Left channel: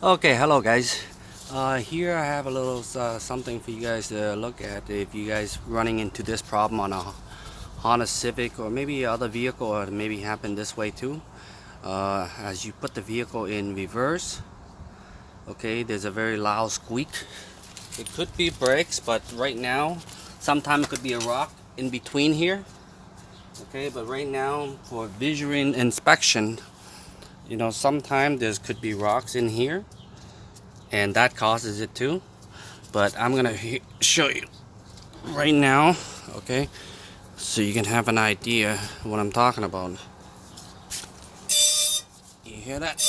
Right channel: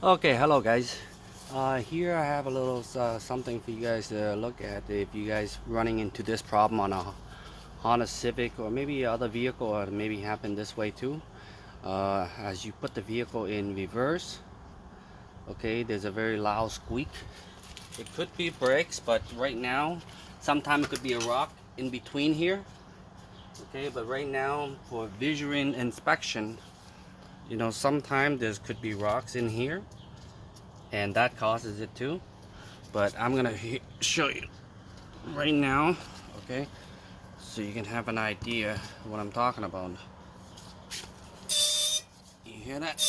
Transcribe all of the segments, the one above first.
Okay, hello guys. Here I have a little something for you guys to look at if you guys running into this problem on a Honda Civic or maybe other vehicle, or maybe happen this way too. As you put the vehicle in reverse, okay, there's a very loud squeak. It could be brakes, but right now, sometimes it could be a rock in between here. Okay, but right now for visual inspection, sometimes there could be rocks in here, and that causes it too. But I'm gonna show you right now, okay, so you can have an idea what I'm talking about. You hear that?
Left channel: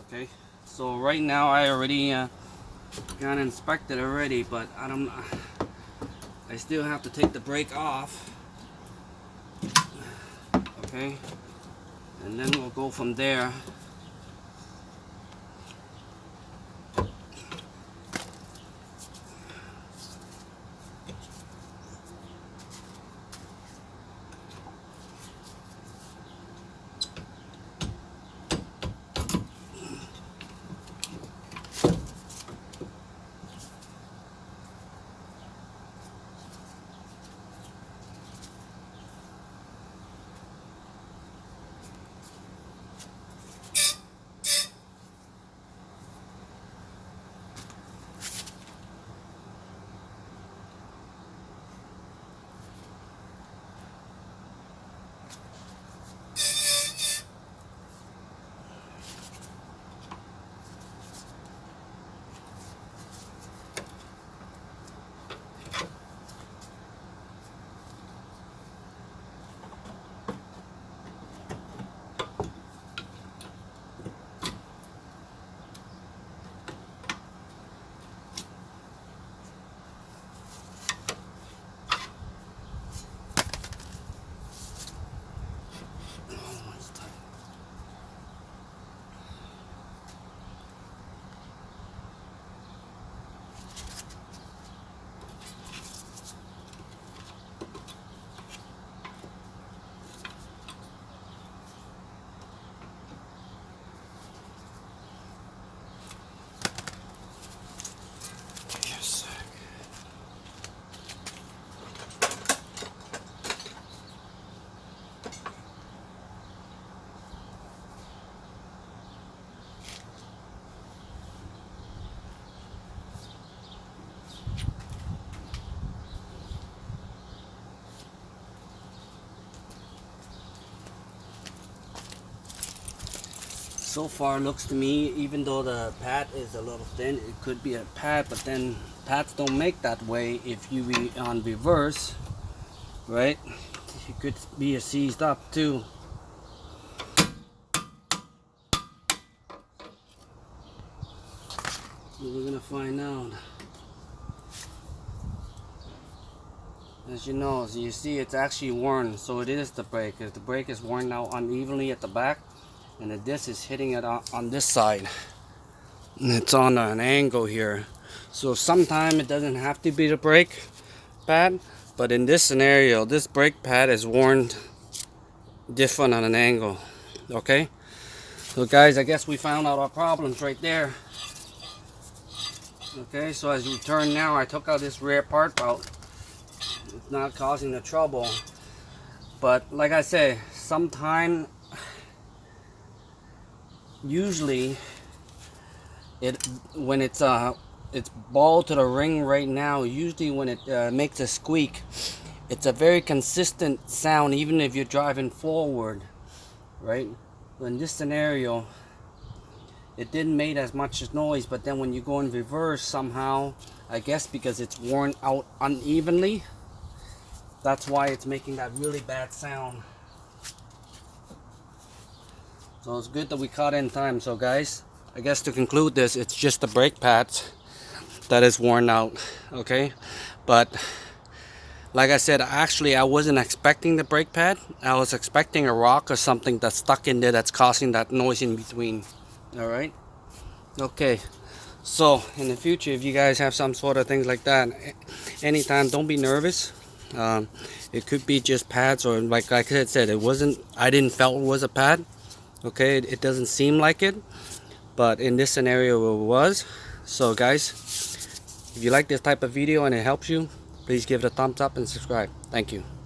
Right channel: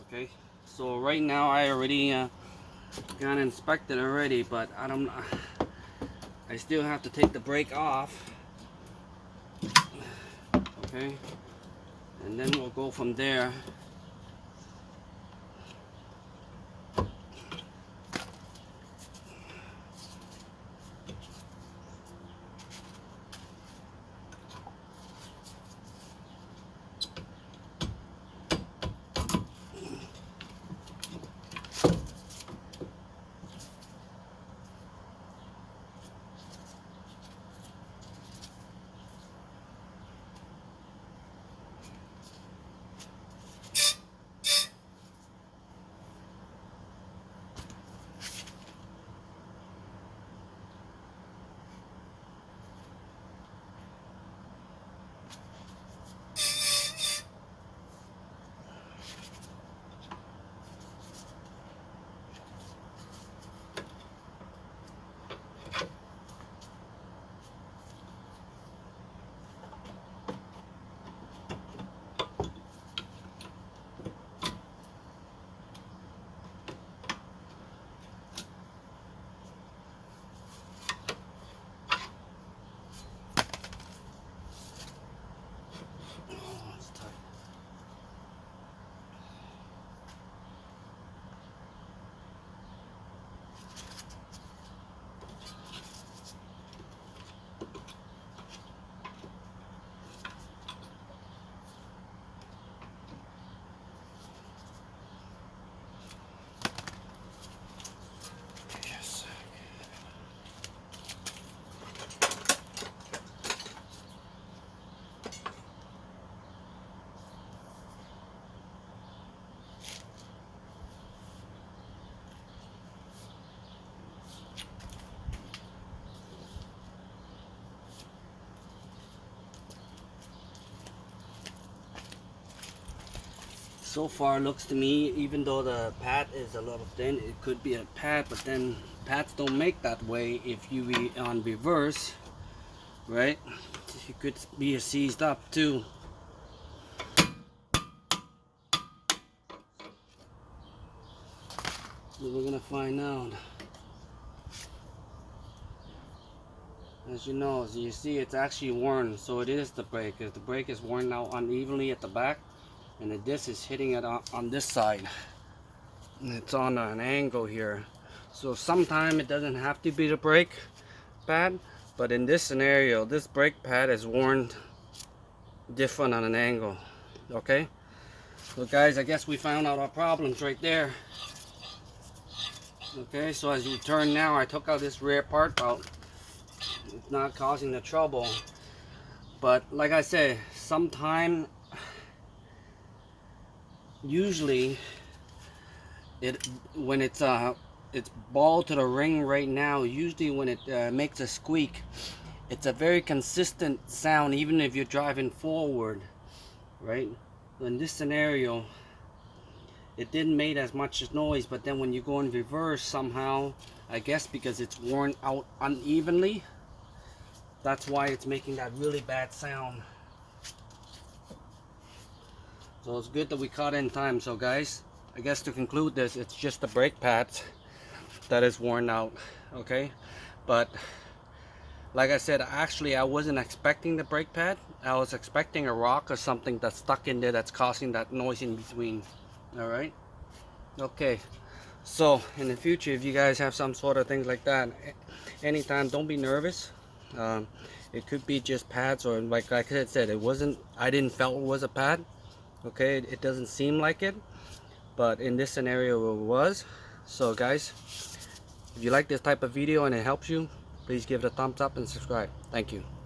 Okay, so right now I already got inspected already, but I still have to take the brake off. Okay, and then we'll go from there. Yes. So far looks to me, even though the pad is a little thin, it could be a pad, but then pads don't make that way if you be on reverse, right? It could be a seized up too. We're gonna find out. As you know, as you see, it's actually worn, so it is the brake. The brake is worn out unevenly at the back, and the disc is hitting it on this side. And it's on an angle here. So sometimes it doesn't have to be the brake pad, but in this scenario, this brake pad is worn different on an angle. Okay? So guys, I guess we found out our problems right there. Okay, so as you turn now, I took out this rear part out. It's not causing the trouble. But like I said, usually when it's ball to the ring right now, usually when it makes a squeak, it's a very consistent sound even if you're driving forward, right? In this scenario, it didn't make as much noise, but then when you go in reverse somehow, I guess because it's worn out unevenly, that's why it's making that really bad sound. So it's good that we caught in time. So guys, I guess to conclude this, it's just the brake pads that is worn out. Okay, but like I said, actually I wasn't expecting the brake pad. I was expecting a rock or something that's stuck in there that's causing that noise in between. All right, okay. So in the future, if you guys have some sort of things like that, anytime, don't be nervous. It could be just pads, or like I said, it wasn't. I didn't felt it was a pad. Okay, it doesn't seem like it. but in this scenario it was. So guys, if you like this type of video and it helps you, please give it a thumbs up and subscribe. Thank you.